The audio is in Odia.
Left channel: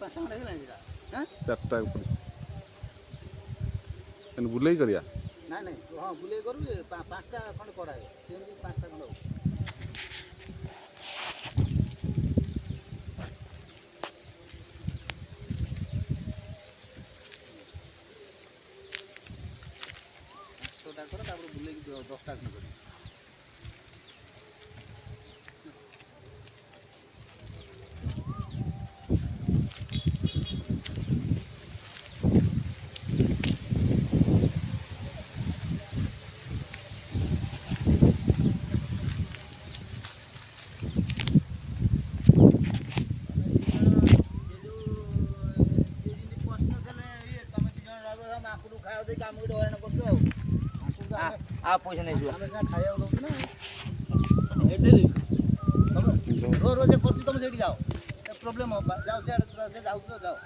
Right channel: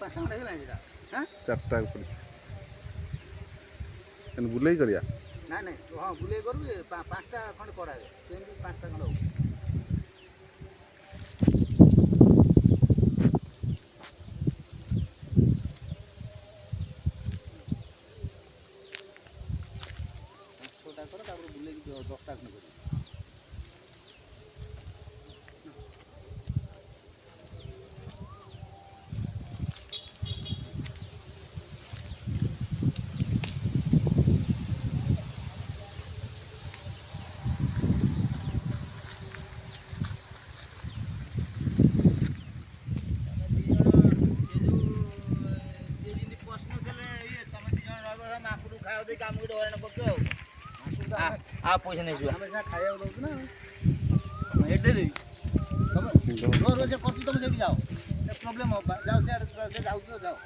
ପାଞ୍ଚ ଖଣ୍ଡେ ହେଇଗଲାଣି ସେଟା ଚାରିଟା ପଡ଼ିଛି ଏମିତି ବୁଲେଇ କରିବା ନାଇଁ ନାଇଁ ହଁ ବୁଲେଇ କରୁ ପାଞ୍ଚଟା ଖଣ୍ଡେ କରାଯାଏ ସେମିତି ପାଞ୍ଚଟା ଖଣ୍ଡେ ହବ ପାଞ୍ଚଟା କର ତାପରେ ବୁଲେଇକି 10ଟା ଖଣ୍ଡେ କରିବି ମାକୁଡୁ ଖାଇବା ଦେଇକି ଆମକୁ ହଇରାଣ କରୁଛୁ ଆଉ ପଇସା ନେଇଯିବ ଆମେ ସିନା ଖାଇବାକୁ ଦଉଛୁ ନା ଏଠି ରୋଜ କରୁଛୁ ତମେ ସେଇଠି ଯାଅ ପ୍ରୋବ୍ଲେମ ହବ ଯାଅ ସିଆଡ଼େ ଯାଉଛ ଯାଅ